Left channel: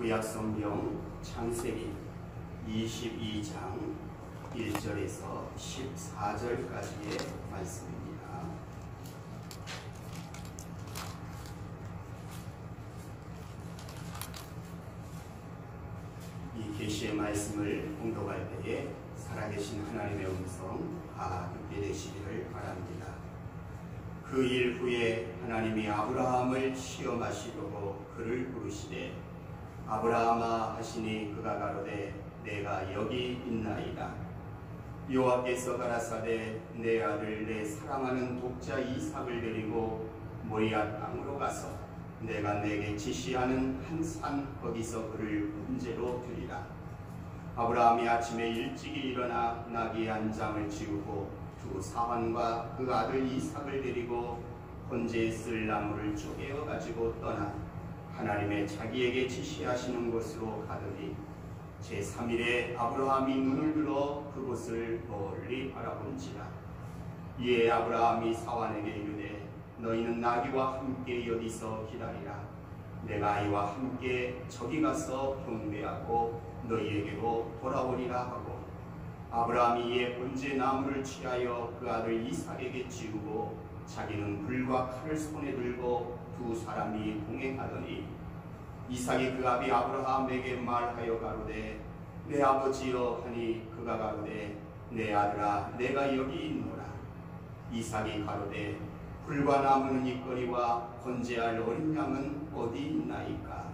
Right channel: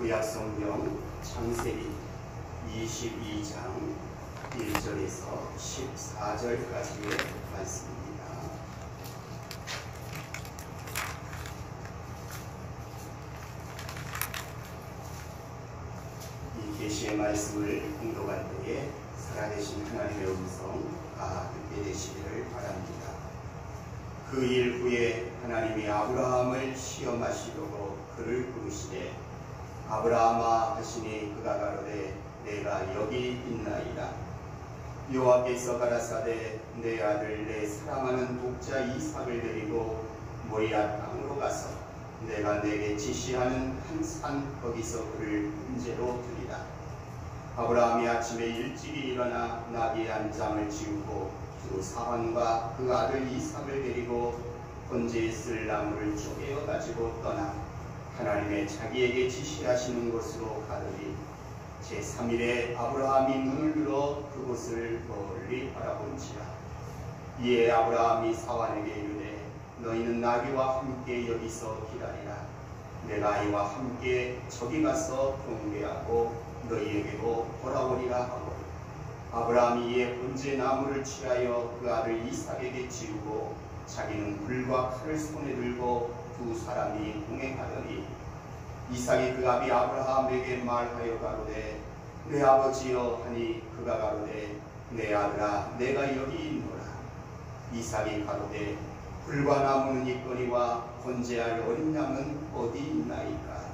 구약성경 창세기 22장 1절에서 14절까지의 말씀입니다. 이 계시의 말씀을 공독할 때에 살아계신 하나님의 음성 다 듣게 되시기를 바랍니다. 그 일 후에 하나님이 아브라함을 시험하시려고 그를 부르시되 아브라함아 하시니 그가 가로되 내가 여기 있나이다. 여호와께서 가라사대 내 아들 내 사랑하는 독자 이삭을 데리고 모리아 땅으로 가서 내가 내게 지시하는 한 산 거기서 그를 문제로 두리라. 아브라함이 아침에 일찍이 일어나 나귀 한 장을 지우고 두 사환과 그 아들 이삭을 데리고 번제에 쓸 나무를 쪼개어 가지고 떠나 하나님의 자기에게 지시하시는 곳으로 가더니 제3일에 아브라함이 눈을 들어 그곳을 멀리 바라본지라. 이에 아브라함이 사환에게 이르되 너희는 나귀와 함께 여기서 기다리라. 내가 아이와 함께 저기 가서 경배하고 너희에게로 돌아오리라 하고 아브라함이 이에 번제 나무를 취하여 그 아들 이삭에게 지우고 자기는 불과 칼을 손에 들고 두 사람이 동행하더니 이삭이 그 아비 아브라함에게 말하여 가로되 내 아버지여 하니 그가 가로되 내 아들아 내가 여기 있노라. 이삭이 가로되 불과 나무는 있거니와 번제할 어린 양은 어디 있나이까.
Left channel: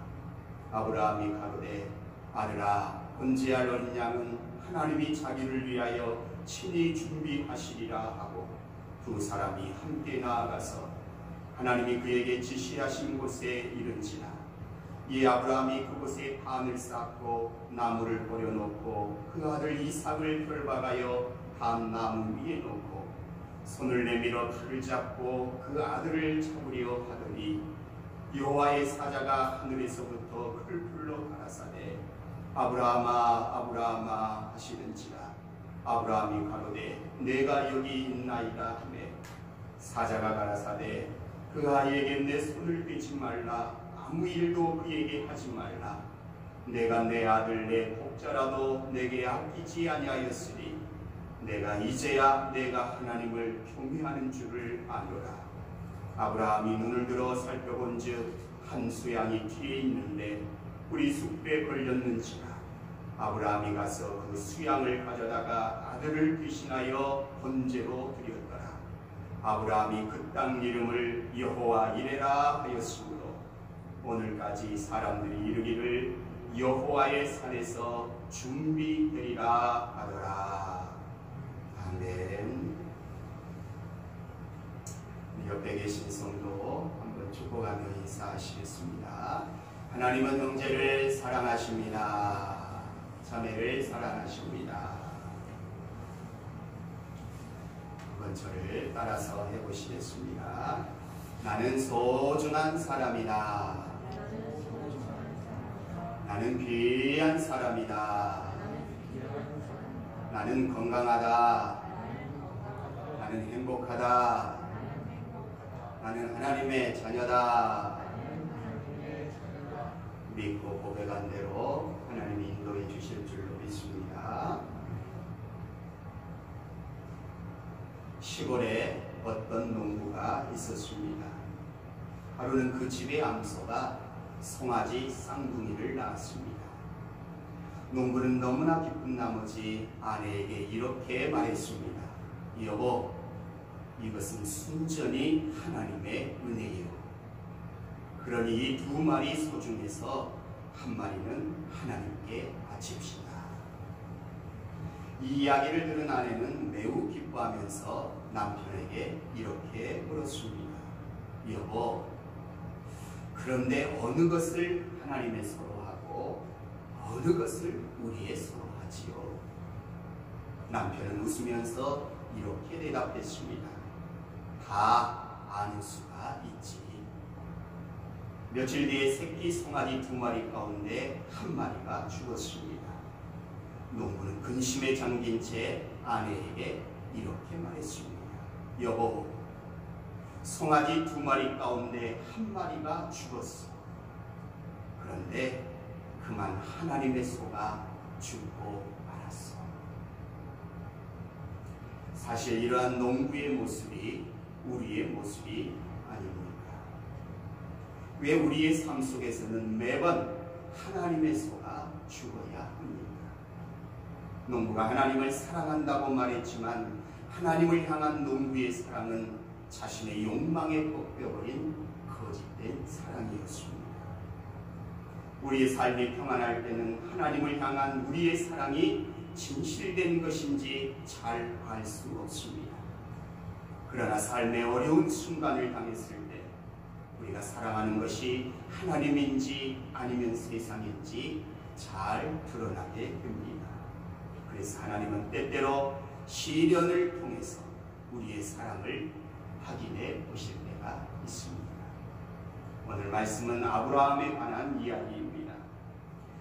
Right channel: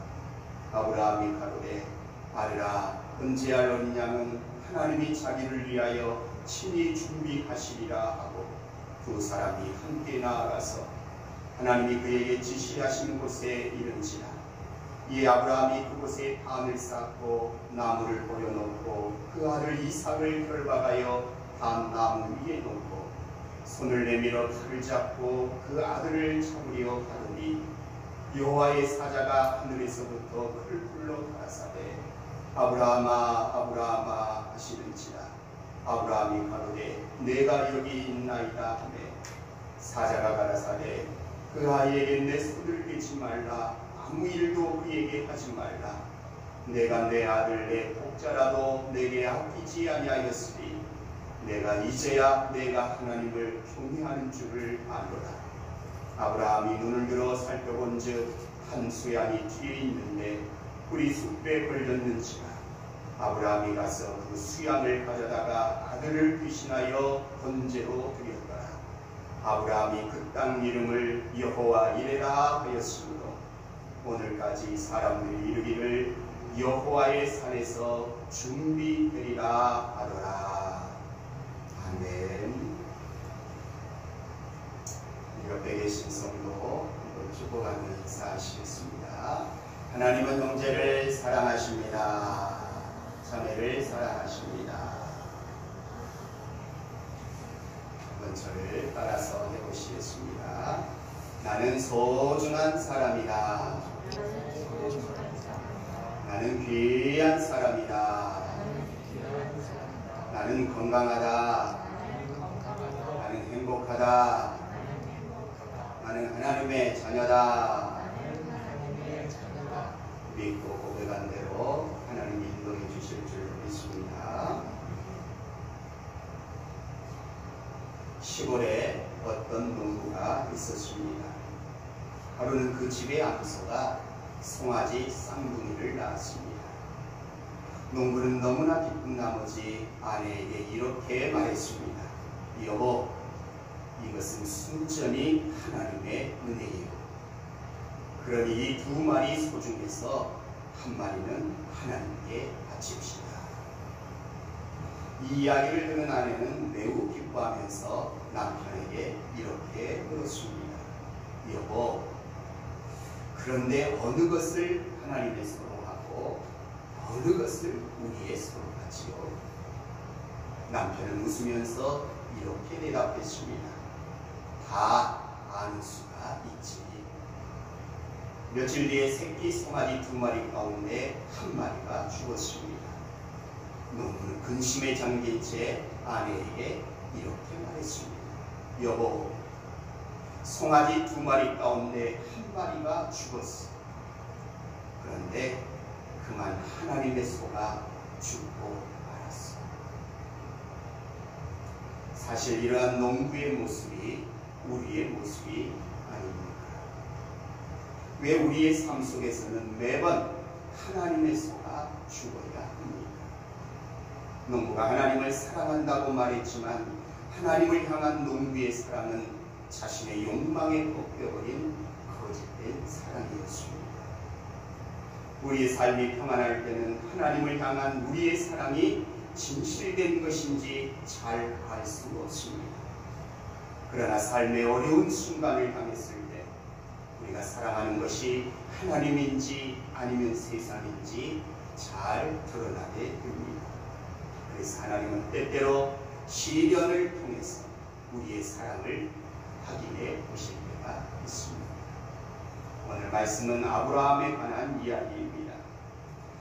아브라함이 가로되 아들아 번제할 어린 양은 하나님이 자기를 위하여 친히 준비하시리라 하고 두 사람이 함께 나아가서 하나님이 그에게 지시하신 곳에 이른지라. 이에 아브라함이 그곳에 판을 쌓고 나무를 버려놓고 그 아들 이삭을 결박하여 판 나무 위에 놓고 손을 내밀어 칼을 잡고 그 아들을 잡으려 하더니 여호와의 사자가 하늘에서부터 그를 불러 가라사대 아브라함아 아브라함아 하시는지라. 아브라함이 가로되 내가 여기 있나이다 하매 사자가 가라사대 그 아이에게 내 손을 떼지 말라. 아무 일도 그에게 하지 말라. 내가 내 아들 내 독자라도 내게 아끼지 아니하였으니 내가 이제야 내가 하나님을 경외하는 줄을 아노라. 아브라함이 눈을 들어 살펴본즉 한 수양이 뒤에 있는데 뿔이 숲에 걸렸는지라. 아브라함이 가서 그 수양을 가져다가 아들을 귀신하여 번제로 드렸더라. 아브라함이 그 땅 이름을 여호와 이레라 하였으므로 오늘까지 사람들이 이르기를 여호와의 산에서 준비되리라 하더라. 아멘. 옆에 계신 성도 한번 축복하며 인사하시겠습니다. 하나님은 형제를 사랑하십니다. 자매를 사랑하십니다. 한번 저를 따라서 해보시겠습니다. 나는 소중한 사람이다. 나는 귀한 사람이다. 나는 건강하다. 나는 행복하다. 나는 하나님의 자녀다. 믿고 고백한 대로 하나님이 인도해 주실 줄로 믿습니다. 시골에 어떤 농부가 있었습니다. 하루는 그 집의 암소가 송아지 쌍둥이를 낳았습니다. 농부는 너무나 기쁜 나머지 아내에게 이렇게 말했습니다. 여보, 이것은 순전히 하나님의 은혜예요. 그러니 이 두 마리 소 중에서 한 마리는 하나님께 바칩시다. 이 이야기를 들은 아내는 매우 기뻐하면서 남편에게 이렇게 물었습니다. 여보, 그런데 어느 것을 하나님의 소로 하고 어느 것을 우리의 소로 하지요? 남편은 웃으면서 이렇게 대답했습니다. 다 아는 수가 있지. 며칠 뒤에 새끼 송아지 두 마리 가운데 한 마리가 죽었습니다. 농부는 근심에 잠긴 채 아내에게 이렇게 말했습니다. 여보, 송아지 두 마리 가운데 한 마리가 죽었어. 그런데 그만 하나님의 소가 죽고 말았소. 사실 이러한 농부의 모습이 우리의 모습이 아닙니까? 왜 우리의 삶 속에서는 매번 하나님의 소가 죽어야 합니까? 농부가 하나님을 사랑한다고 말했지만 하나님을 향한 농부의 사랑은 자신의 욕망에 꺾여버린 거짓된 사랑이었습니다. 우리의 삶이 평안할 때는 하나님을 향한 우리의 사랑이 진실된 것인지 잘 알 수 없습니다. 그러나 삶의 어려운 순간을 당했을 때 우리가 사랑하는 것이 하나님인지 아니면 세상인지 잘 드러나게 됩니다. 그래서 하나님은 때때로 시련을 통해서 우리의 사랑을 확인해 보실 때가 있습니다. 오늘 말씀은 아브라함에 관한 이야기입니다.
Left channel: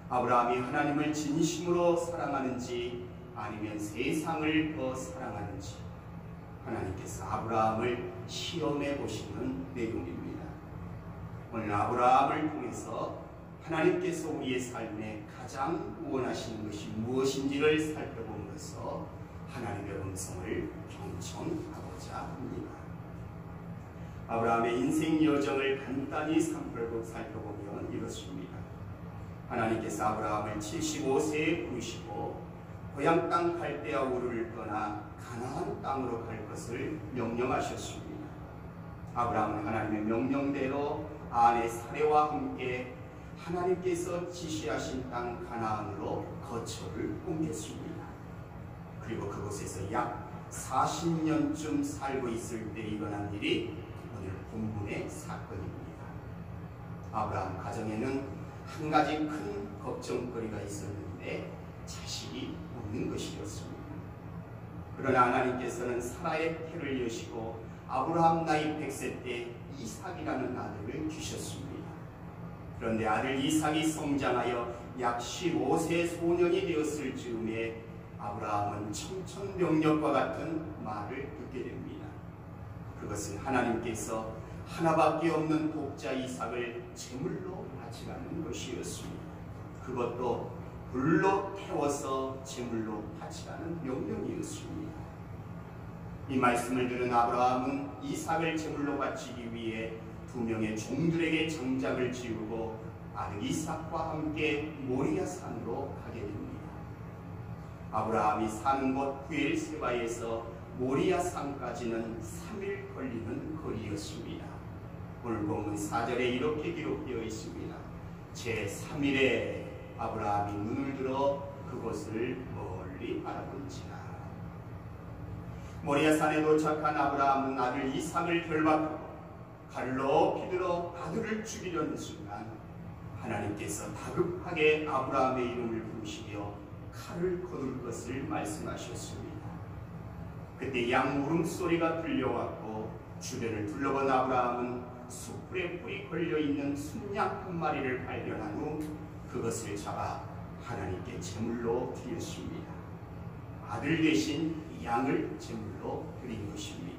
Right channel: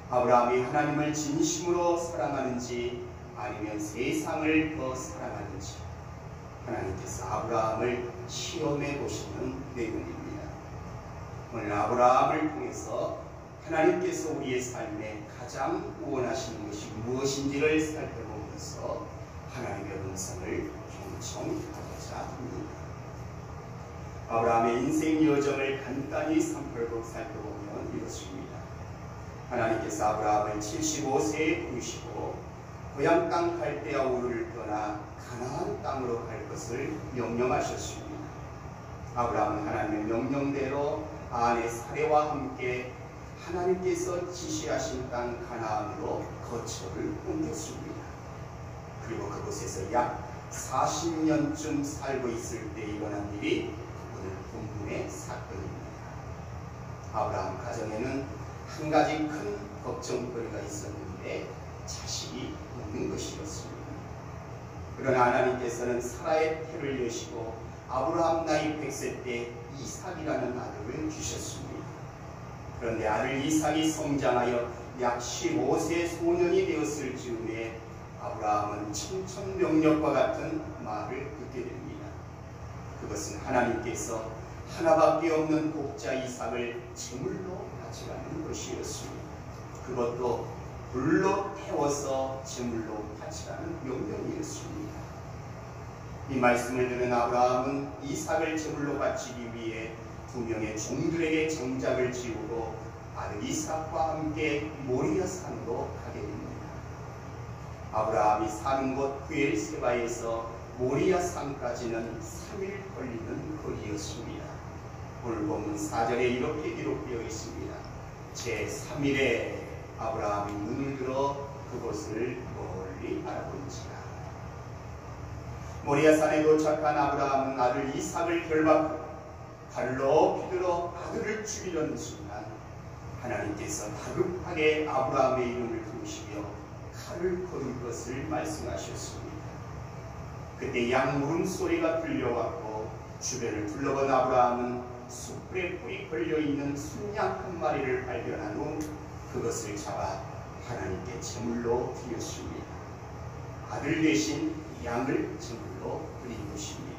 아브라함이 하나님을 진심으로 사랑하는지 아니면 세상을 더 사랑하는지 하나님께서 아브라함을 시험해 보시는 내용입니다. 오늘 아브라함을 통해서 하나님께서 우리의 삶에 가장 원하시는 것이 무엇인지를 살펴보면서 하나님의 음성을 경청하고자 합니다. 아브라함의 인생 여정을 간단히 살펴보면 이것입니다. 하나님께서 아브라함을 75세에 부르시고 고향 땅 갈대아 우르를 떠나 가나안 땅으로 갈 것을 명령하셨습니다. 아브라함은 하나님의 명령대로 아내 사레와 함께 하나님께서 지시하신 땅 가나안으로 거처를 옮겼습니다. 그리고 그곳에서 약 40년쯤 살고 있을 때 일어난 일이 오늘 본문의 사건입니다. 아브라함 가정에는 한 가지 큰 걱정거리가 있었는데 자식이 없는 것이었습니다. 그러나 하나님께서는 사라의 태를 여시고 아브라함 나이 100세 때 이삭이라는 아들을 주셨습니다. 그런데 아들 이삭이 성장하여 약 15세 소년이 되었을 즈음에 아브라함은 청천벽력과 같은 말을 듣게 됩니다. 그것은 하나님께서 하나밖에 없는 독자 이삭을 제물로 바치라는 것이었습니다. 그것도 불로 태워서 제물로 바치라는 명령이었습니다. 이 말씀을 들은 아브라함은 이삭을 제물로 바치기 위해 2명의 종들에게 정작을 지우고 아들 이삭과 함께 모리아 산으로 가게 됩니다. 아브라함이 사는 곳 브엘세바에서 모리아 산까지는 3일 걸리는 거리였습니다. 오늘 본문 4절에 이렇게 기록되어 있습니다. 제3일에 아브라함이 눈을 들어 그곳을 멀리 바라본지라. 모리아산에 도착한 아브라함은 아들 이삭을 결박하고 칼을 높이 들어 아들을 죽이려는 순간 하나님께서 다급하게 아브라함의 이름을 부르시며 칼을 거둘 것을 말씀하셨습니다. 그때 양 물음소리가 들려왔고 주변을 둘러본 아브라함은 숯불에 뿔이 걸려있는 순양 한 마리를 발견한 후 그것을 잡아 하나님께 제물로 드렸습니다. 아들 대신 양을 제물로 드린 것입니다.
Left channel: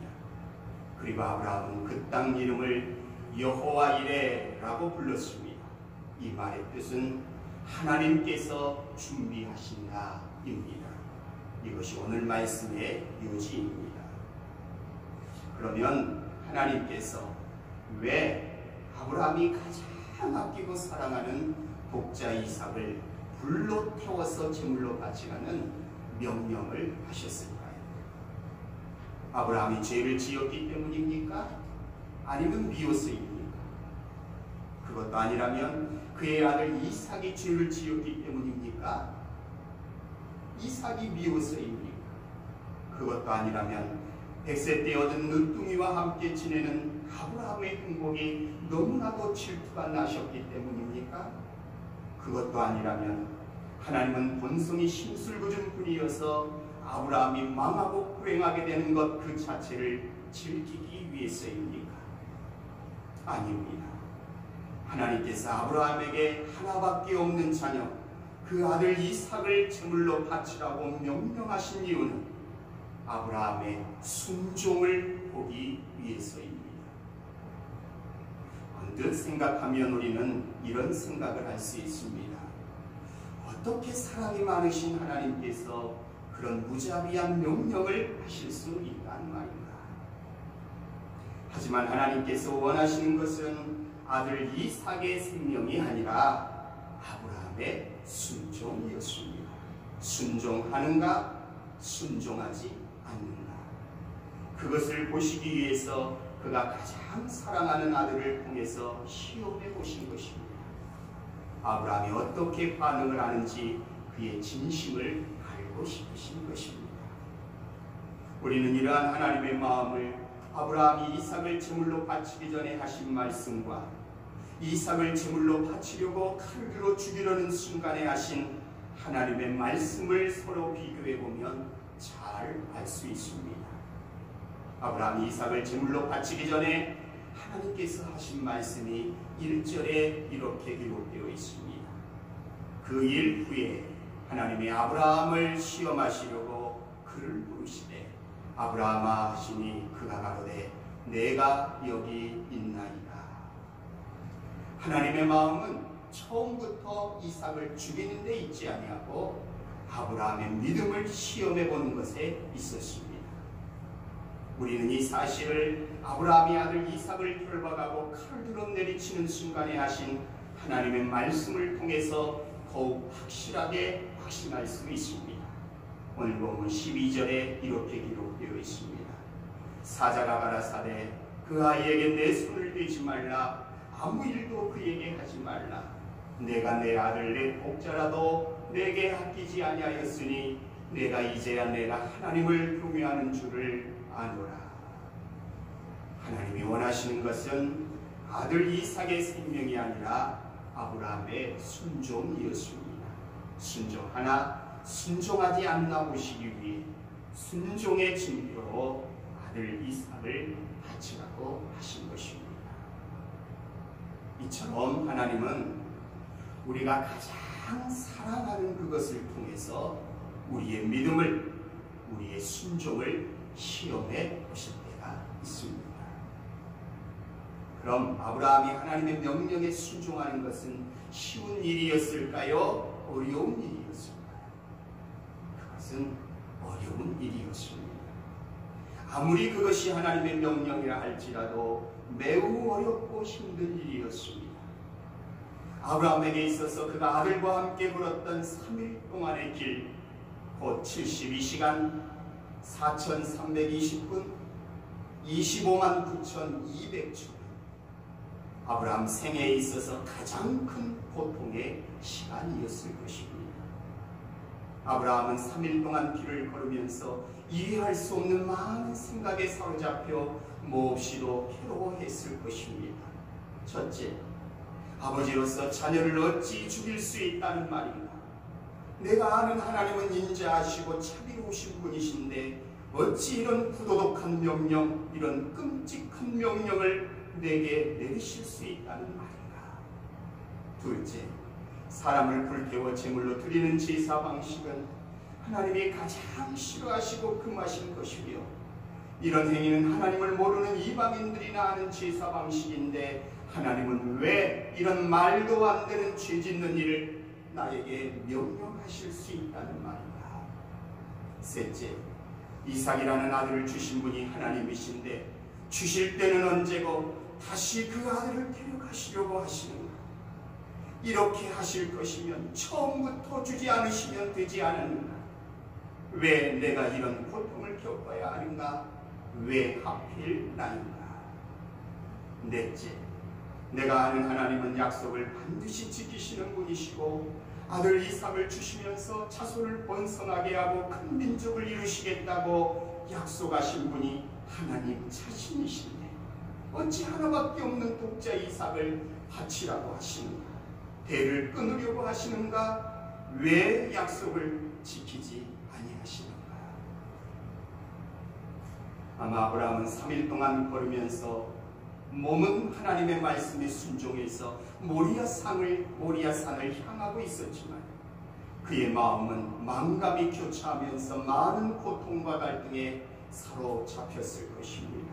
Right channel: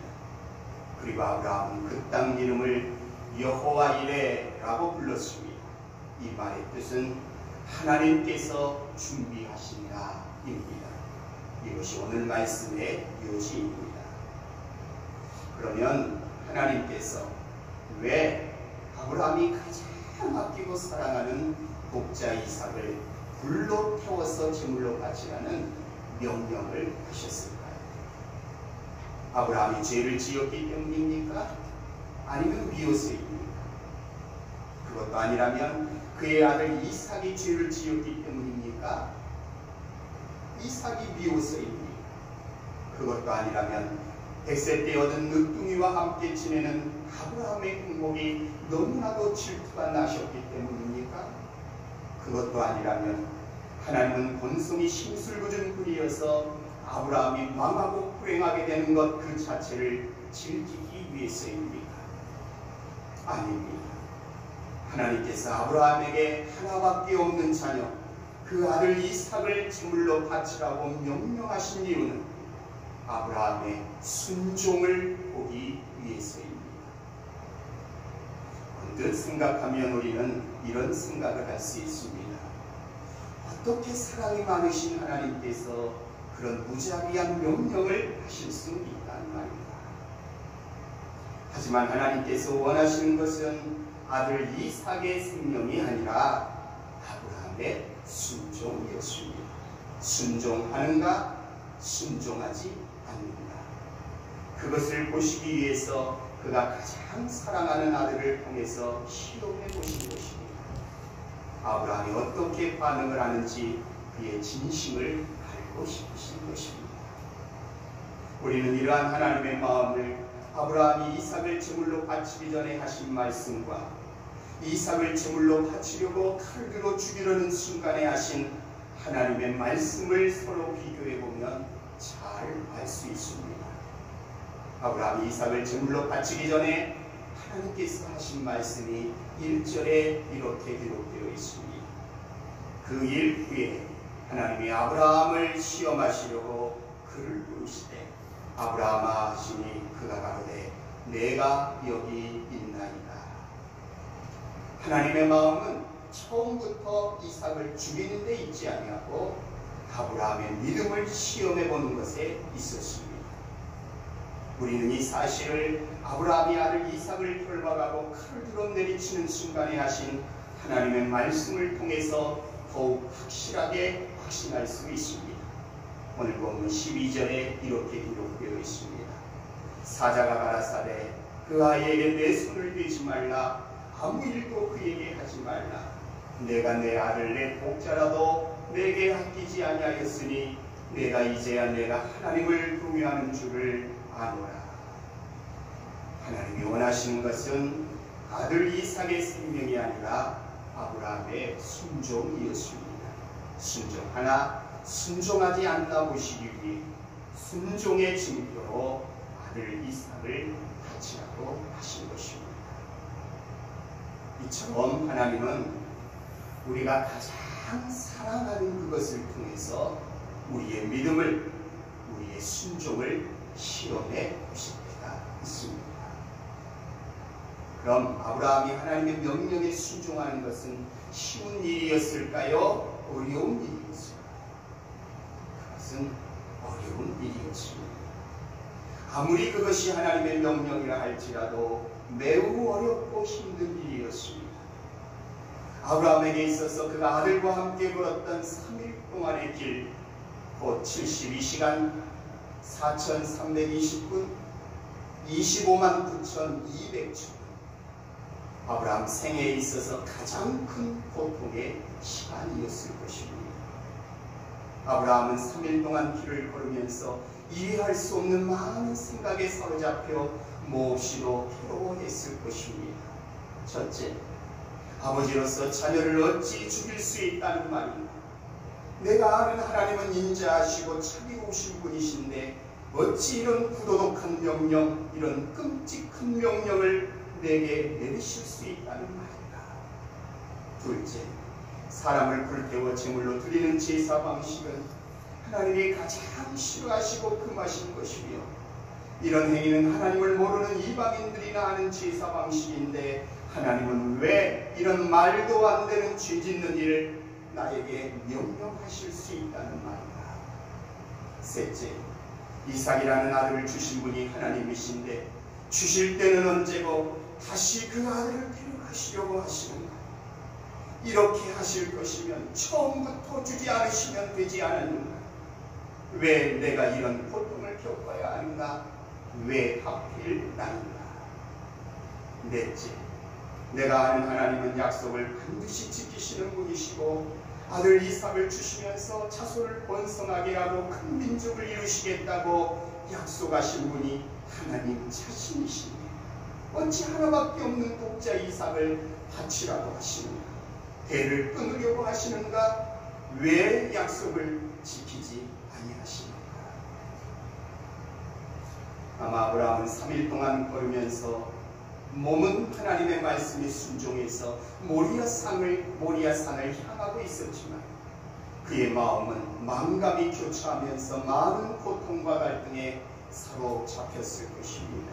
그리고 아브라함은 그 땅 이름을 여호와 이레라고 불렀습니다. 이 말의 뜻은 하나님께서 준비하신다 입니다. 이것이 오늘 말씀의 요지입니다. 그러면 하나님께서 왜 아브라함이 가장 아끼고 사랑하는 독자 이삭을 불로 태워서 제물로 바치라는 명령을 하셨을까요? 아브라함이 죄를 지었기 때문입니까? 아니면 미워서입니까? 그것도 아니라면 그의 아들 이삭이 죄를 지었기 때문입니까? 이삭이 미워서입니까? 그것도 아니라면 100세 때 얻은 늦둥이와 함께 지내는 아브라함의 행복이 너무나도 질투가 나셨기 때문입니까? 그것도 아니라면 하나님은 본성이 심술궂은 분이어서 아브라함이 망하고 불행하게 되는 것 그 자체를 즐기기 위해서입니까? 아닙니다. 하나님께서 아브라함에게 하나밖에 없는 자녀 그 아들 이삭을 제물로 바치라고 명령하신 이유는 아브라함의 순종을 보기 위해서입니다. 언뜻 생각하면 우리는 이런 생각을 할 수 있습니다. 어떻게 사랑이 많으신 하나님께서 그런 무자비한 명령을 하실 수 있단 말인가? 하지만 하나님께서 원하시는 것은 아들 이삭의 생명이 아니라 아브라함의 순종이었습니다. 순종하는가? 순종하지 않는가? 그것을 보시기 위해서 그가 가장 사랑하는 아들을 통해서 시험해 보신 것입니다. 아브라함이 어떻게 반응을 하는지 그의 진심을 알고 싶으신 것입니다. 우리는 이러한 하나님의 마음을 아브라함이 이삭을 제물로 바치기 전에 하신 말씀과 이삭을 제물로 바치려고 칼을 들어 죽이려는 순간에 하신 하나님의 말씀을 서로 비교해 보면 잘 알 수 있습니다. 아브라함이 이삭을 제물로 바치기 전에 하나님께서 하신 말씀이 1절에 이렇게 기록되어 있습니다. 그 일 후에 하나님이 아브라함을 시험하시려고 그를 부르시되 아브라함아 하시니 그가 가로되 내가 여기 있나이다. 하나님의 마음은 처음부터 이삭을 죽이는 데 있지 아니하고 아브라함의 믿음을 시험해 보는 것에 있었습니다. 우리는 이 사실을 아브라함이 아들 이삭을 결박하고 칼을 들어 내리치는 순간에 하신 하나님의 말씀을 통해서 더욱 확실하게 확신할 수 있습니다. 오늘 본문 12절에 이렇게 기록되어 있습니다. 사자가 가라사대 그 아이에게 내 손을 대지 말라. 아무 일도 그에게 하지 말라. 내가 내 아들 내 복자라도 내게 아끼지 아니하였으니 내가 이제야 내가 하나님을 경외하는 줄을 아노라. 하나님이 원하시는 것은 아들 이삭의 생명이 아니라 아브라함의 순종이었습니다. 순종하나 순종하지 않나 보시기 위해 순종의 증표로 아들 이삭을 바치라고 하신 것입니다. 이처럼 하나님은 우리가 가장 사랑하는 그것을 통해서 우리의 믿음을, 우리의 순종을 시험해 보실 때가 있습니다. 그럼 아브라함이 하나님의 명령에 순종하는 것은 쉬운 일이었을까요? 어려운 일이었을까요? 그것은 어려운 일이었습니다. 아무리 그것이 하나님의 명령이라 할지라도 매우 어렵고 힘든 일이었습니다. 아브라함에게 있어서 그가 아들과 함께 걸었던 3일 동안의 길, 곧 72시간 4320분 25만 9200초, 아브라함 생애에 있어서 가장 큰 고통의 시간이었을 것입니다. 아브라함은 3일 동안 길을 걸으면서 이해할 수 없는 많은 생각에 사로잡혀 몹시도 괴로워했을 것입니다. 첫째, 아버지로서 자녀를 어찌 죽일 수 있다는 말인가? 내가 아는 하나님은 인자하시고 자비로우신 분이신데 어찌 이런 부도덕한 명령, 이런 끔찍한 명령을 내게 내리실 수 있다는 말인가? 둘째, 사람을 불태워 제물로 드리는 제사 방식은 하나님이 가장 싫어하시고 금하신 것이며 이런 행위는 하나님을 모르는 이방인들이나 하는 제사 방식인데 하나님은 왜 이런 말도 안 되는 죄 짓는 일을 나에게 명령하실 수 있다는 말인가? 셋째, 이삭이라는 아들을 주신 분이 하나님이신데 주실 때는 언제고 다시 그 아들을 데려가시려고 하시는가? 이렇게 하실 것이면 처음부터 주지 않으시면 되지 않았는가? 왜 내가 이런 고통을 겪어야 하는가? 왜 하필 나인가? 넷째, 내가 아는 하나님은 약속을 반드시 지키시는 분이시고 아들 이삭을 주시면서 자손을 번성하게 하고 큰 민족을 이루시겠다고 약속하신 분이 하나님 자신이신데 어찌 하나밖에 없는 독자 이삭을 바치라고 하시는가? 대를 끊으려고 하시는가? 왜 약속을 지키지 아니하시는가? 아마 아브라함은 3일 동안 걸으면서 몸은 하나님의 말씀에 순종해서 모리아산을 향하고 있었지만 그의 마음은 망감이 교차하면서 많은 고통과 갈등에 사로잡혔을 것입니다.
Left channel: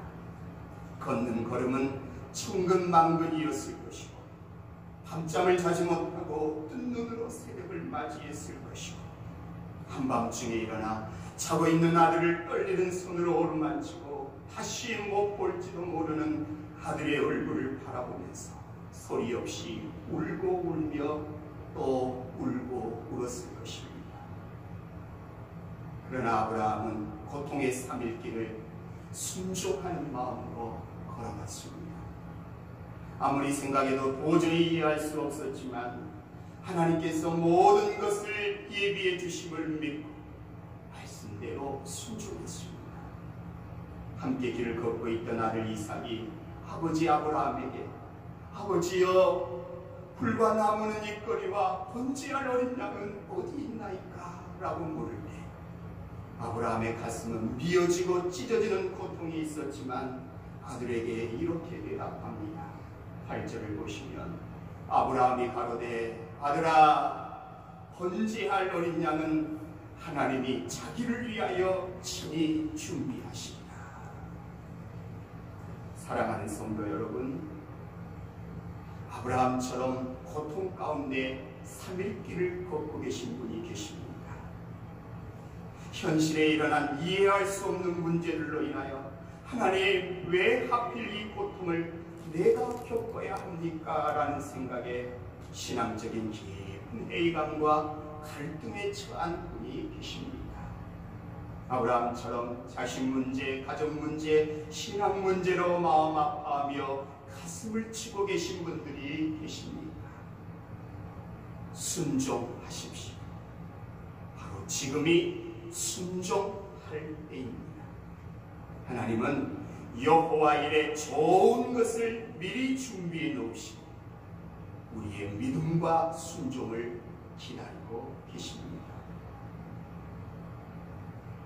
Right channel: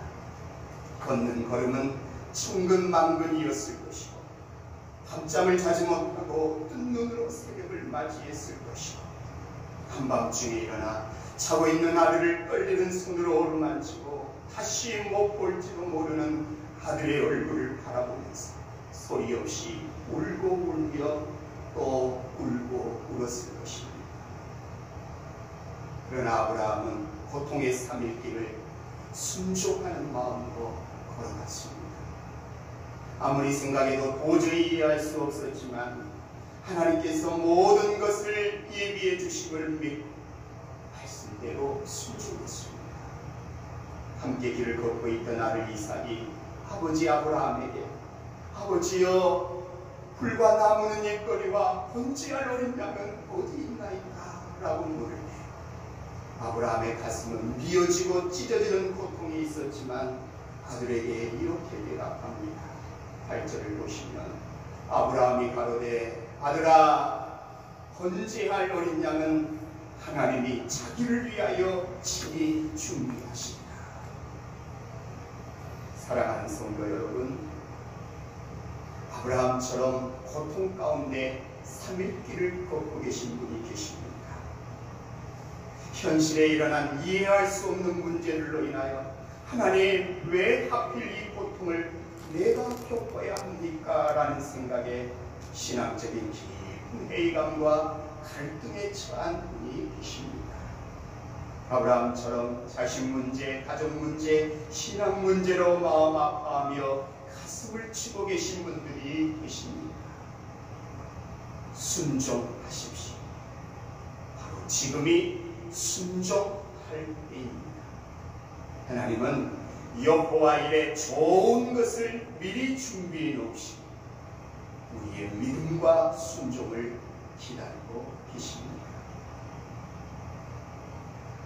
걷는 걸음은 천근만근이었을 것이고 밤잠을 자지 못하고 뜬 눈으로 새벽을 맞이했을 것이고, 한밤중에 일어나 자고 있는 아들을 떨리는 손으로 어루만지고 다시 못 볼지도 모르는 아들의 얼굴을 바라보면서 소리 없이 울고 울며 또 울고 울었을 것입니다. 그러나 아브라함은 고통의 3일길을 순종하는 마음으로 걸어갔습니다. 아무리 생각해도 도저히 이해할 수 없었지만 하나님께서 모든 것을 예비해 주심을 믿고 말씀대로 순종했습니다. 함께 길을 걷고 있던 아들 이삭이 아버지 아브라함에게 아버지여, 불과 나무는 일거리와 번제할 어린 양은 어디 있나이까? 라고 물을 때 아브라함의 가슴은 미어지고 찢어지는 고통이 있었지만 아들에게 이렇게 대답합니다. 8절을 보시면 아브라함이 가로되 아들아, 번제할 어린 양은 하나님이 자기를 위하여 친히 준비하시리라. 사랑하는 성도 여러분, 아브라함처럼 고통 가운데 3일 길을 걷고 계신 분이 계십니다. 현실에 일어난 이해할 수 없는 문제들로 인하여 하나님, 왜 하필 이 고통을 내가 겪어야 합니까? 라는 생각에 신앙적인 깊은 회의감과 갈등에 처한 분이 계십니다. 아브라함처럼 자신 문제, 가족 문제, 신앙 문제로 마음 아파하며 가슴을 치고 계신 분들이 계십니다. 순종하십시오. 바로 지금이 순종할 때입니다. 하나님은 여호와 일에 좋은 것을 미리 준비해 놓으시고 우리의 믿음과 순종을 기다리고 계십니다.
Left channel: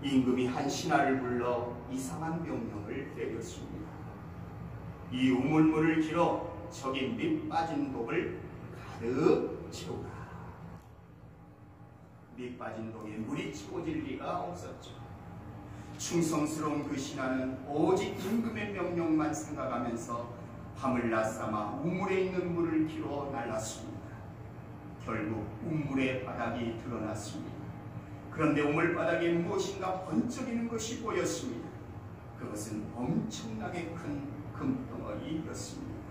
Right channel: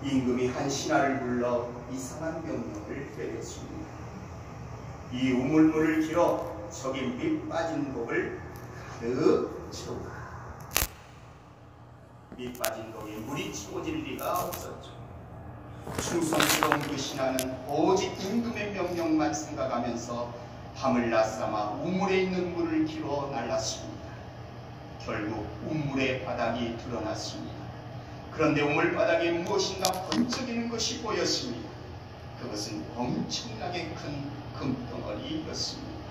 임금이 한 신하를 불러 이상한 명령을 내렸습니다. 이 우물물을 길어 저기 밑 빠진 독을 가득 채우라. 밑 빠진 독에 물이 채워질 리가 없었죠. 충성스러운 그 신하는 오직 임금의 명령만 생각하면서 밤을 낮삼아 우물에 있는 물을 길어 날랐습니다. 결국 우물의 바닥이 드러났습니다. 그런데 우물 바닥에 무엇인가 번쩍이는 것이 보였습니다. 그것은 엄청나게 큰 금덩어리였습니다.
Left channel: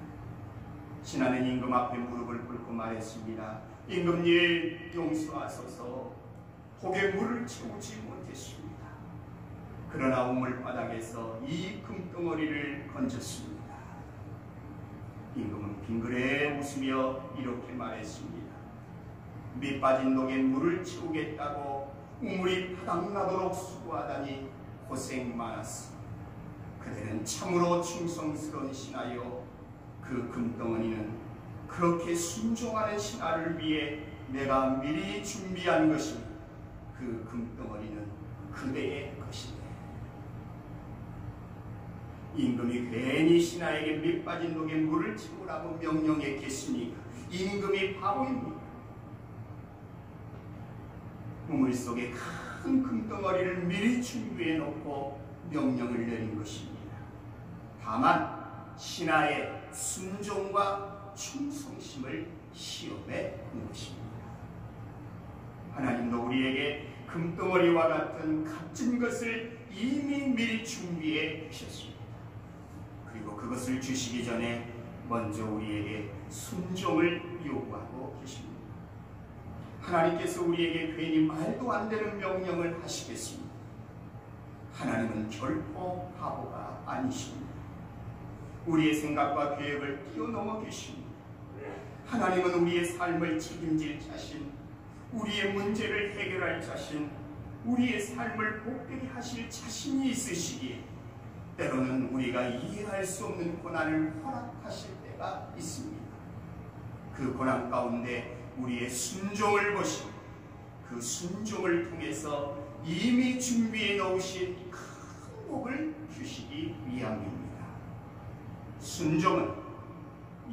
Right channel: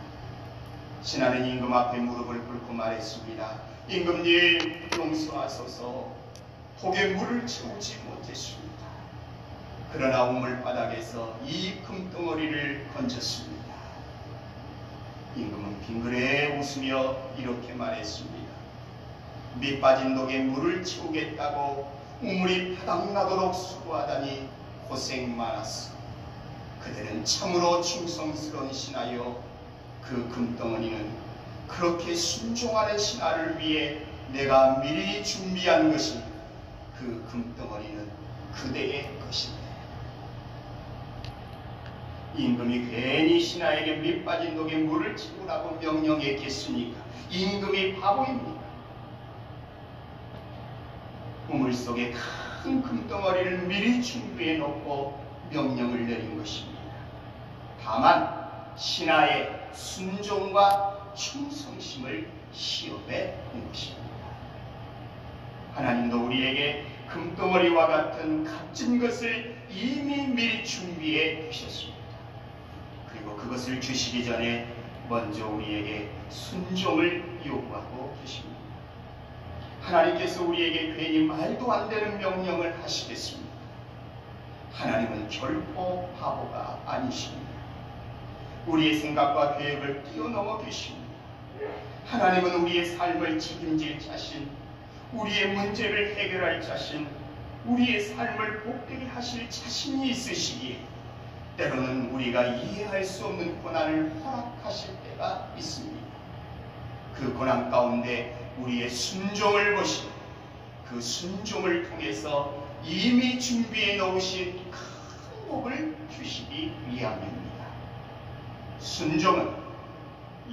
신하는 임금 앞에 무릎을 꿇고 말했습니다. 임금님, 용서하소서. 독에 물을 채우지 못했습니다. 그러나 우물 바닥에서 이 금덩어리를 건졌습니다. 임금은 빙그레 웃으며 이렇게 말했습니다. 밑 빠진 독에 물을 채우겠다고 우물이 바닥나도록 수고하다니 고생 많았어. 그대는 참으로 충성스러운 신하여 그 금덩어리는 그렇게 순종하는 신하를 위해 내가 미리 준비한 것이니 그 금덩어리는 그대의 것이다. 임금이 괜히 신하에게 밑 빠진 독에 물을 채우라고 명령했겠습니까? 임금이 바보입니다. 우물 속에 큰 금덩어리를 미리 준비해 놓고 명령을 내린 것입니다. 다만 신하의 순종과 충성심을 시험해 본 것입니다. 하나님도 우리에게 금덩어리와 같은 값진 것을 이미 미리 준비해 주셨습니다. 그리고 그것을 주시기 전에 먼저 우리에게 순종을 요구하고 계십니다. 하나님께서 우리에게 괜히 말도 안 되는 명령을 하시겠습니다. 하나님은 결코 바보가 아니십니다. 우리의 생각과 계획을 뛰어넘어 계십니다. 하나님은 우리의 삶을 책임질 자신, 우리의 문제를 해결할 자신, 우리의 삶을 복되게 하실 자신이 있으시기에 때로는 우리가 이해할 수 없는 고난을 허락하실 때가 있습니다. 그 고난 가운데 우리의 순종을 보시고 그 순종을 통해서 이미 준비해 놓으신 큰 복을 주시기 위함입니다. 순종은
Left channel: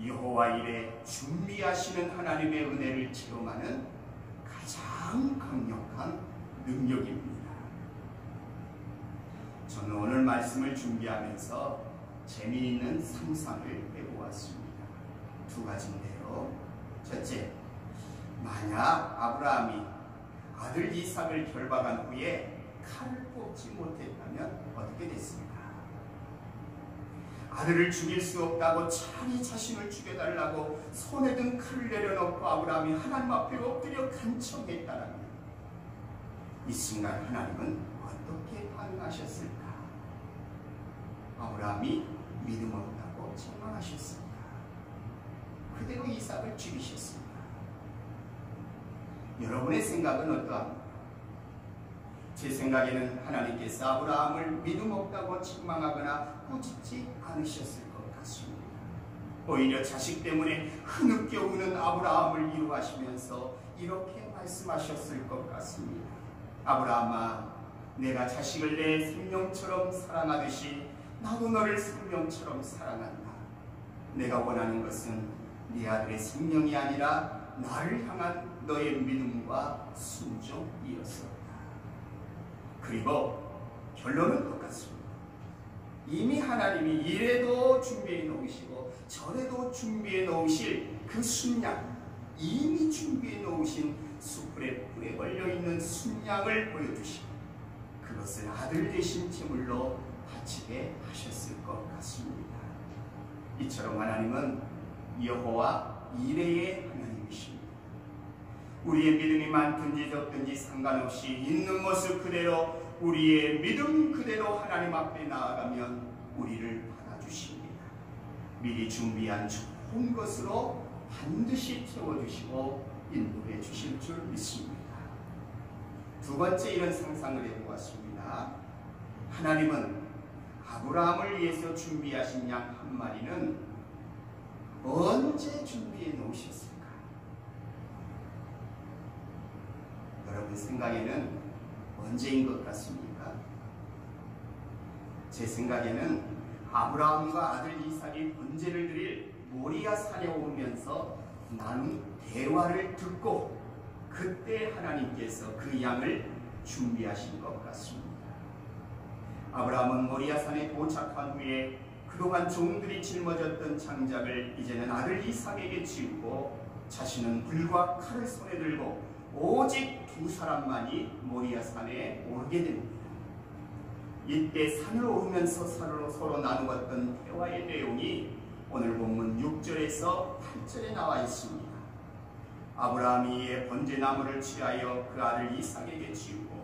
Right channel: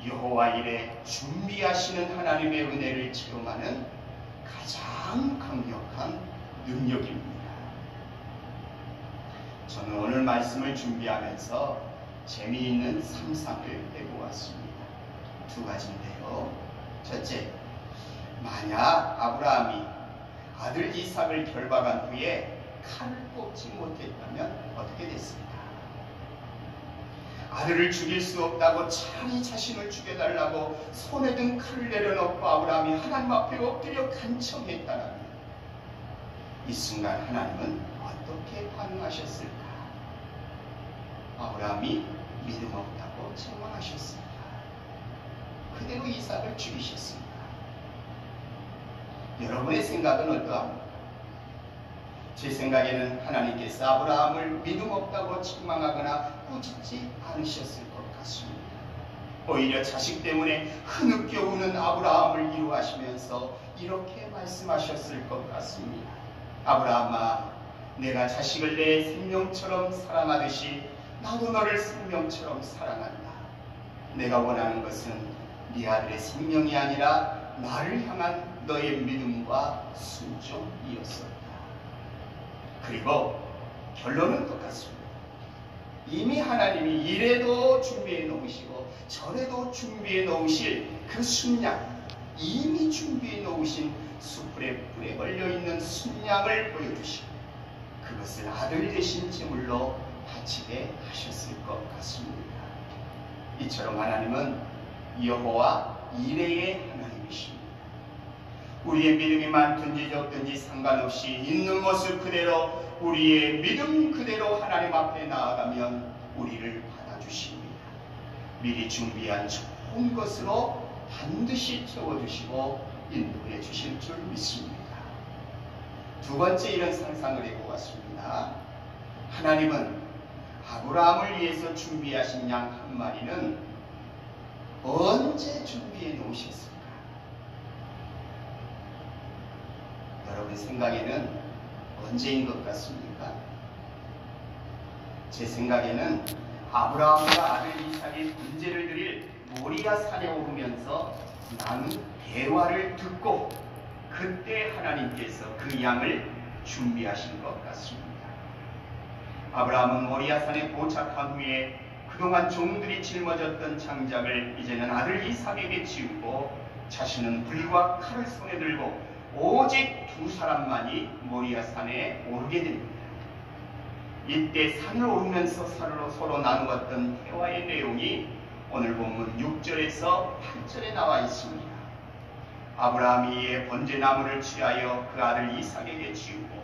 여호와 일에 준비하시는 하나님의 은혜를 체험하는 가장 강력한 능력입니다. 저는 오늘 말씀을 준비하면서 재미있는 상상을 해보았습니다. 두 가지인데요. 첫째, 만약 아브라함이 아들 이삭을 결박한 후에 칼을 뽑지 못했다면 어떻게 됐습니까? 아들을 죽일 수 없다고 차라리 자신을 죽여달라고 손에 든 칼을 내려놓고 아브라함이 하나님 앞에 엎드려 간청했다면 이 순간 하나님은 어떻게 반응하셨을까? 아브라함이 믿음 없다고 책망하셨습니다. 그대로 이삭을 죽이셨습니다. 여러분의 생각은 어떠합니까? 제 생각에는 하나님께서 아브라함을 믿음 없다고 책망하거나 꾸짖지 않으셨을 것 같습니다. 오히려 자식 때문에 흐느껴 우는 아브라함을 위로하시면서 이렇게 말씀하셨을 것 같습니다. 아브라함아, 내가 자식을 내 생명처럼 사랑하듯이 나도 너를 생명처럼 사랑한다. 내가 원하는 것은 네 아들의 생명이 아니라 나를 향한 너의 믿음과 순종이었었다. 그리고 결론은 똑같습니다. 이미 하나님이 이래도 준비해 놓으시고 저래도 준비해 놓으실 그 순양, 이미 준비해 놓으신 숯불에 불에 걸려있는 순양을 보여주시고 그것을 아들 대신 제물로 바치게 하셨을 것 같습니다. 이처럼 하나님은 여호와 이레의 하나님이십니다. 우리의 믿음이 많든지 적든지 상관없이 있는 모습 그대로 우리의 믿음 그대로 하나님 앞에 나아가면 우리를 받아주십니다. 미리 준비한 좋은 것으로 반드시 채워주시고 인도해 주실 줄 믿습니다. 두 번째 이런 상상을 해보았습니다. 하나님은 아브라함을 위해서 준비하신 양 한 마리는 언제 준비해 놓으셨을까? 여러분 생각에는 언제인 것 같습니까? 제 생각에는 아브라함과 아들 이삭이 번제를 드릴 모리아 산에 오르면서 나눈 대화를 듣고 그때 하나님께서 그 양을 준비하신 것 같습니다. 아브라함은 모리아 산에 도착한 후에 그동안 종들이 짊어졌던 장작을 이제는 아들 이삭에게 지우고 자신은 불과 칼을 손에 들고 오직 두 사람만이 모리아 산에 오르게 됩니다. 이때 산을 오르면서 서로 나누었던 대화의 내용이 오늘 본문 6절에서 8절에 나와 있습니다. 아브라함이 이에 번제나무를 취하여 그 아들 이삭에게 지우고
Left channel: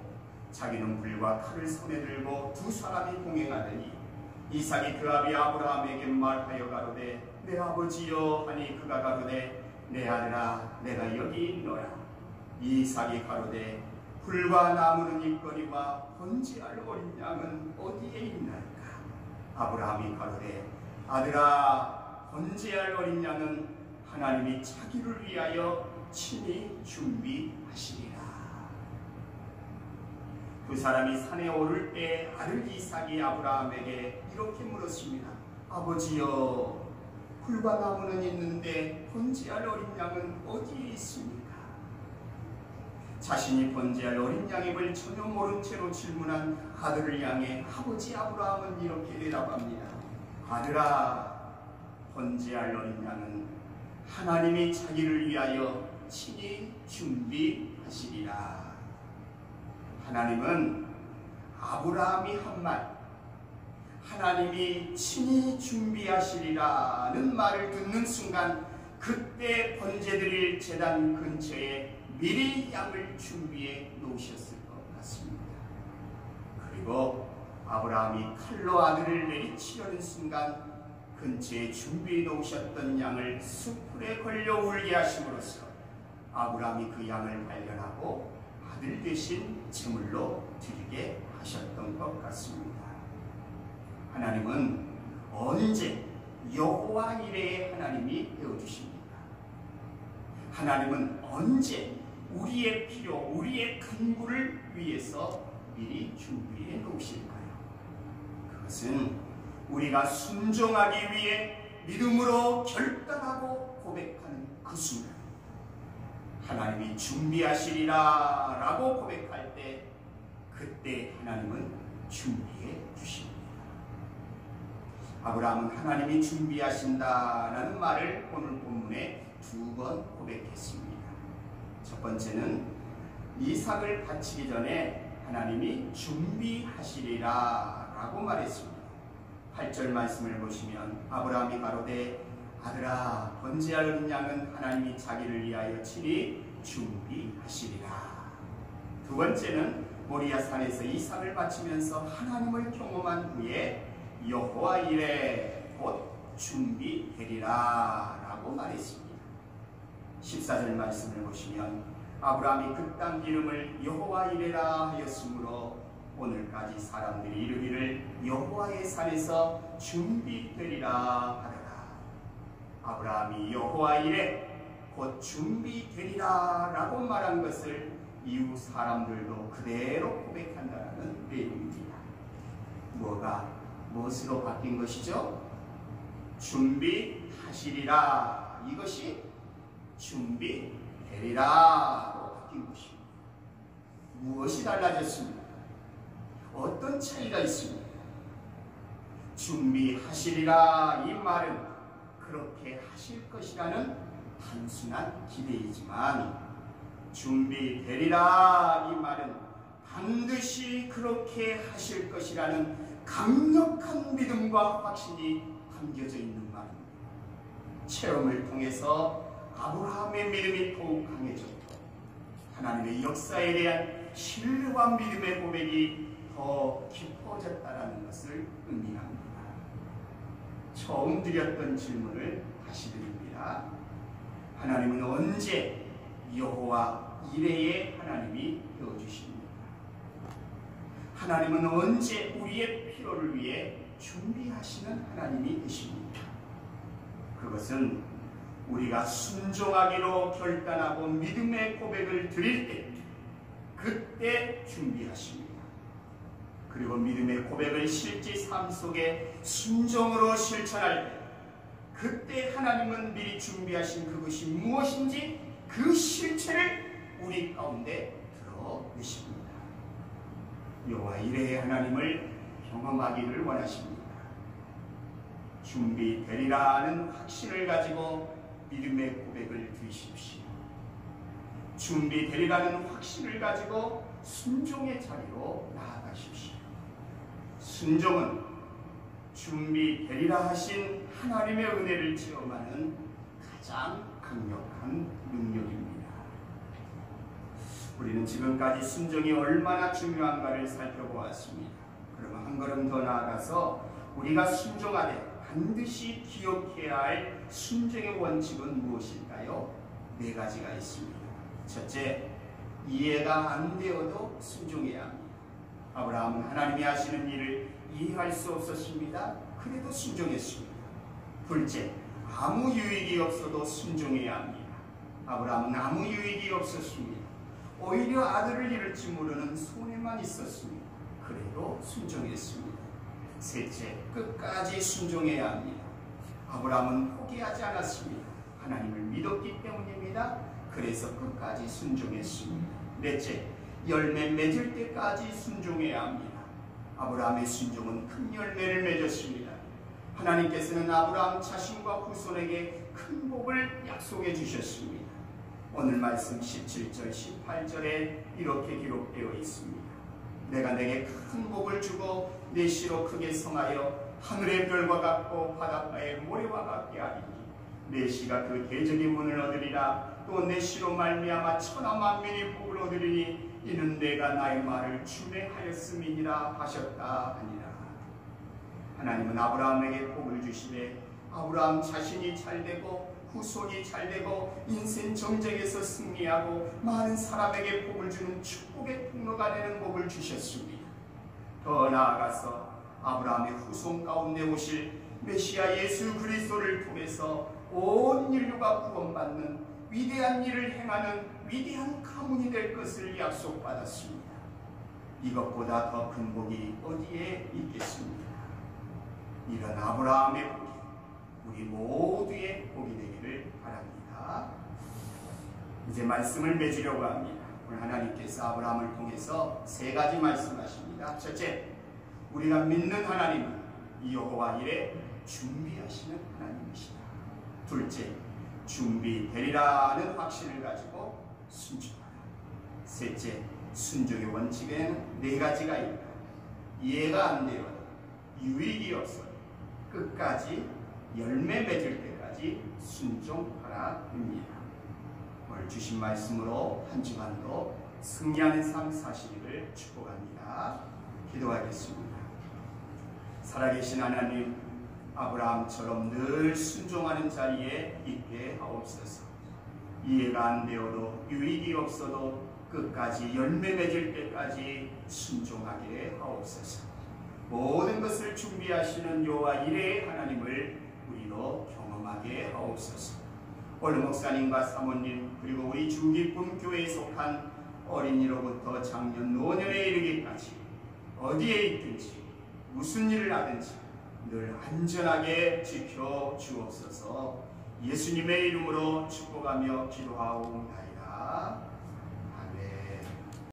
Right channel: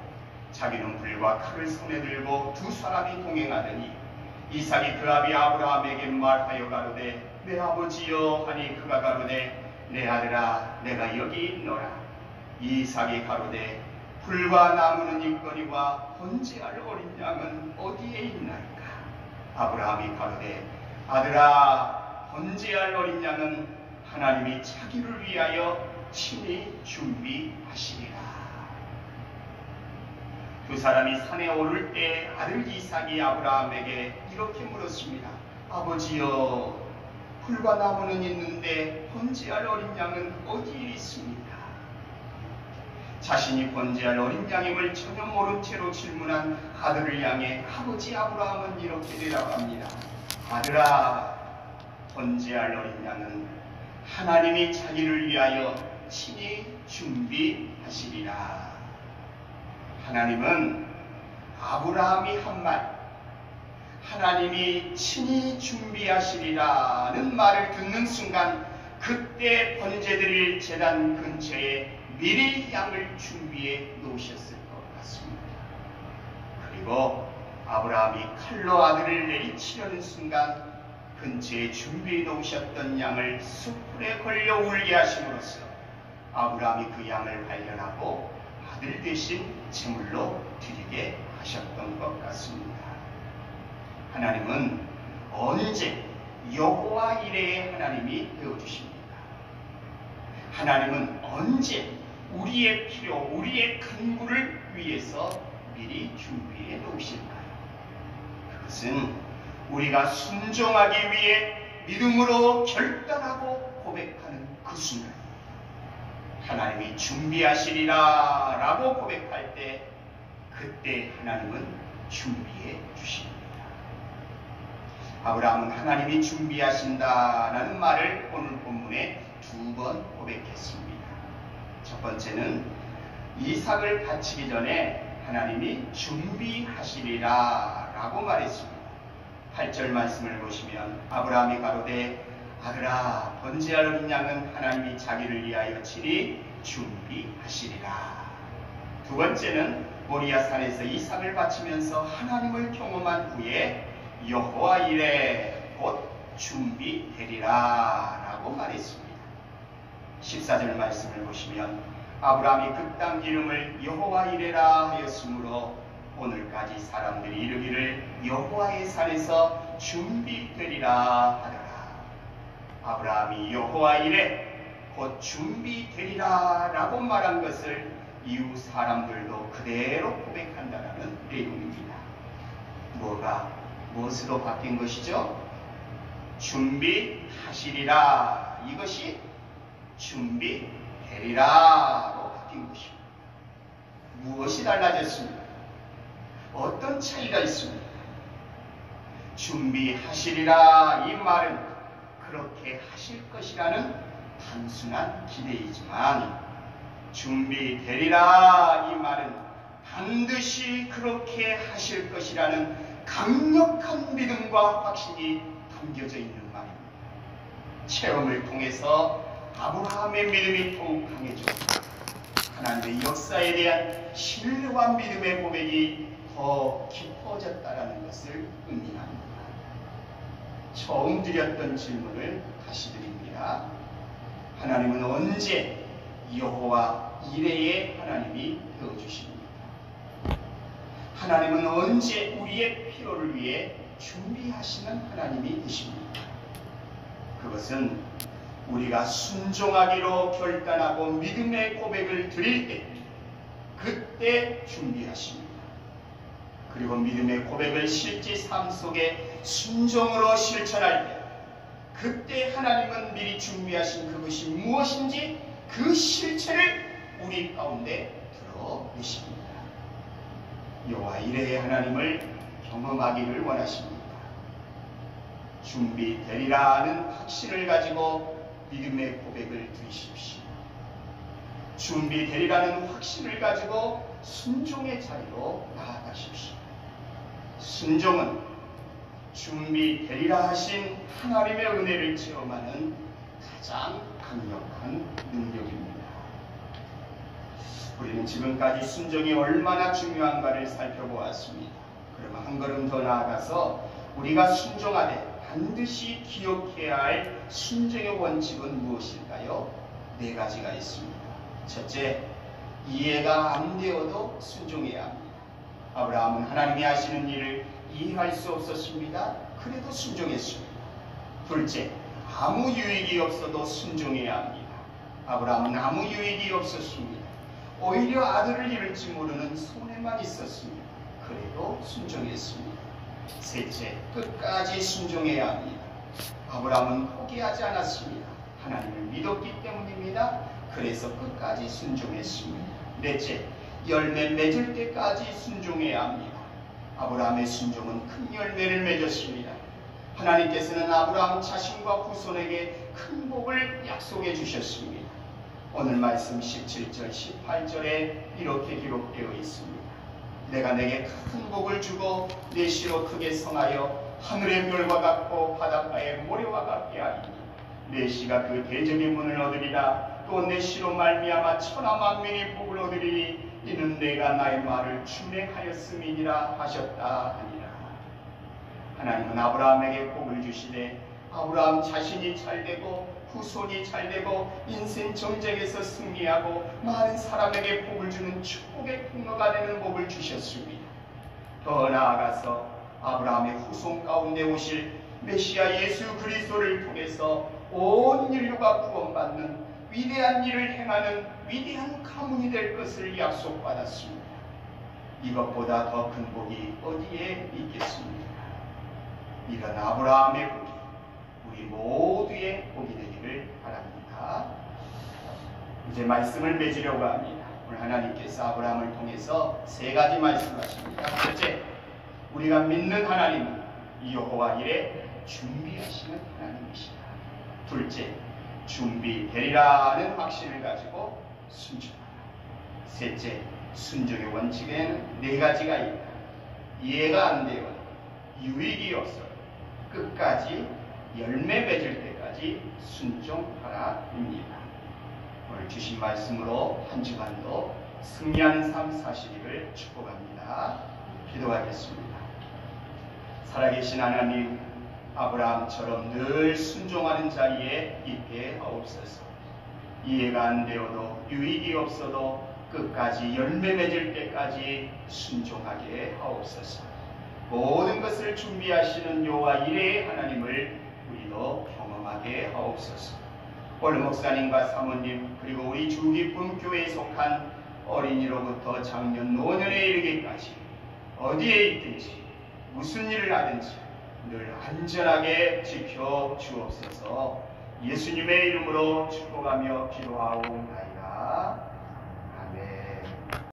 자기는 불과 칼을 손에 들고 두 사람이 동행하더니 이삭이 그 아비 아브라함에게 말하여 가로되 내 아버지여 하니 그가 가로되 내 아들아 내가 여기 있노라. 이삭이 가로되 불과 나무는 있거니와 번제할 어린 양은 어디에 있나이까? 아브라함이 가로되 아들아 번제할 어린 양은 하나님이 자기를 위하여 친히 준비하시리라. 두 사람이 산에 오를 때 아들 이삭이 아브라함에게 이렇게 물었습니다. 아버지여 불과 나무는 있는데 번제할 어린 양은 어디에 있습니까? 자신이 번제할 어린 양임을 전혀 모른 채로 질문한 아들을 향해 아버지 아브라함은 이렇게 대답합니다. 아들아 번제할 어린 양은 하나님이 자기를 위하여 친히 준비하시리라. 하나님은 아브라함이 한 말, 하나님이 친히 준비하시리라는 말을 듣는 순간 그때 번제드릴 제단 근처에 미리 양을 준비해 놓으셨을 것 같습니다. 그리고 아브라함이 칼로 아들을 내리치려는 순간 근처에 준비해 놓으셨던 양을 숯불에 걸려 울게 하심으로써 아브라함이 그 양을 발견하고 아들 대신 제물로 드리게 하셨던 것 같습니다. 하나님은 언제 여호와 이레의 하나님이 되어주십니까? 하나님은 언제 우리의 필요, 우리의 간구를 위해서 미리 준비해 놓으실까요? 그것은 우리가 순종하기 위해 믿음으로 결단하고 고백하는 그 순간 하나님이 준비하시리라 라고 고백할 때 그때 하나님은 준비해 주십니다. 아브라함은 하나님이 준비하신다라는 말을 오늘 본문에 두 번 고백했습니다. 첫 번째는 이삭을 바치기 전에 하나님이 준비하시리라 라고 말했습니다. 8절 말씀을 보시면 아브라함이 가로되 아들아 번제할 어린 양은 하나님이 자기를 위하여 친히 준비하시리라. 두 번째는 모리아 산에서 이삭을 바치면서 하나님을 경험한 후에 여호와 이레 곧 준비되리라 라고 말했습니다. 14절 말씀을 보시면 아브라함이 그 땅 이름을 여호와 이레라 하였으므로 오늘까지 사람들이 이르기를 여호와의 산에서 준비되리라 하더라. 아브라함이 여호와 이레 곧 준비되리라 라고 말한 것을 이후 사람들도 그대로 고백한다는 내용입니다. 무엇으로 바뀐 것이죠? 준비하시리라, 이것이 준비되리라로 바뀐 것입니다. 무엇이 달라졌습니까? 어떤 차이가 있습니까? 준비하시리라 이 말은 그렇게 하실 것이라는 단순한 기대이지만, 준비되리라 이 말은 반드시 그렇게 하실 것이라는 강력한 믿음과 확신이 담겨져 있는 말입니다. 체험을 통해서 아브라함의 믿음이 더욱 강해졌고 하나님의 역사에 대한 신뢰와 믿음의 고백이 더 깊어졌다는 것을 의미합니다. 처음 드렸던 질문을 다시 드립니다. 하나님은 언제 여호와 이레의 하나님이 되어주십니까? 하나님은 언제 우리의 필요를 위해 준비하시는 하나님이 되십니까? 그것은 우리가 순종하기로 결단하고 믿음의 고백을 드릴 때 그때 준비하십니다. 그리고 믿음의 고백을 실제 삶 속에 순종으로 실천할 때 그때 하나님은 미리 준비하신 그것이 무엇인지 그 실체를 우리 가운데 드러내십니다. 여호와 이레의 하나님을 경험하기를 원하십니다. 준비되리라는 확신을 가지고 믿음의 고백을 드리십시오. 준비되리라는 확신을 가지고 순종의 자리로 나아가십시오. 순종은 준비되리라 하신 하나님의 은혜를 체험하는 가장 강력한 능력입니다. 우리는 지금까지 순종이 얼마나 중요한가를 살펴보았습니다. 그러면 한 걸음 더 나아가서 우리가 순종하되 반드시 기억해야 할 순종의 원칙은 무엇일까요? 4가지가 있습니다. 첫째, 이해가 안 되어도 순종해야 합니다. 아브라함은 하나님이 하시는 일을 이해할 수 없었습니다. 그래도 순종했습니다. 둘째, 아무 유익이 없어도 순종해야 합니다. 아브라함은 아무 유익이 없었습니다. 오히려 아들을 잃을지 모르는 손해만 있었습니다. 그래도 순종했습니다. 셋째, 끝까지 순종해야 합니다. 아브라함은 포기하지 않았습니다. 하나님을 믿었기 때문입니다. 그래서 끝까지 순종했습니다. 넷째, 열매 맺을 때까지 순종해야 합니다. 아브라함의 순종은 큰 열매를 맺었습니다. 하나님께서는 아브라함 자신과 후손에게 큰 복을 약속해 주셨습니다. 오늘 말씀 17절, 18절에 이렇게 기록되어 있습니다. 내가 내게 큰 복을 주고 내 씨로 크게 성하여 하늘의 별과 같고 바닷가의 모래와 같게 하리니 내 씨가 그 대적의 문을 얻으리라. 또 내 씨로 말미암아 천하 만민이 복을 얻으리니 이는 내가 나의 말을 준행하였음이니라 하셨다 하니라. 하나님은 아브라함에게 복을 주시되 아브라함 자신이 잘되고 후손이 잘되고 인생 정쟁에서 승리하고 많은 사람에게 복을 주는 축복의 통로가 되는 복을 주셨습니다. 더 나아가서 아브라함의 후손 가운데 오실 메시아 예수 그리스도를 통해서 온 인류가 구원받는 위대한 일을 행하는 위대한 가문이 될 것을 약속받았습니다. 이것보다 더 큰 복이 어디에 있겠습니까? 이런 아브라함의 복이 우리 모두의 복이 되기를 바랍니다. 이제 말씀을 맺으려고 합니다. 오늘 하나님께서 아브라함을 통해서 3가지 말씀하십니다. 첫째, 우리가 믿는 하나님은 여호와 이레 준비하시는 하나님이시다. 둘째, 준비되리라는 확신을 가지고 순종하라. 셋째, 순종의 원칙에는 네 가지가 있다. 이해가 안 되어도 유익이 없어도 끝까지 열매 맺을 때까지 순종하라입니다. 오늘 주신 말씀으로 한 주간도 승리하는 삶 사시기를 축복합니다. 기도하겠습니다. 살아계신 하나님, 아브라함처럼 늘 순종하는 자리에 있게 하옵소서. 이해가 안 되어도 유익이 없어도 끝까지 열매 맺을 때까지 순종하게 하옵소서. 모든 것을 준비하시는 여호와 이레의 하나님을 우리도 경험하게 하옵소서. 오늘 목사님과 사모님 그리고 우리 주기쁨 교회에 속한 어린이로부터 장년 노년에 이르기까지 어디에 있든지 무슨 일을 하든지 늘 안전하게 지켜 주옵소서. 예수님의 이름으로 축복하며 기도하옵나이다.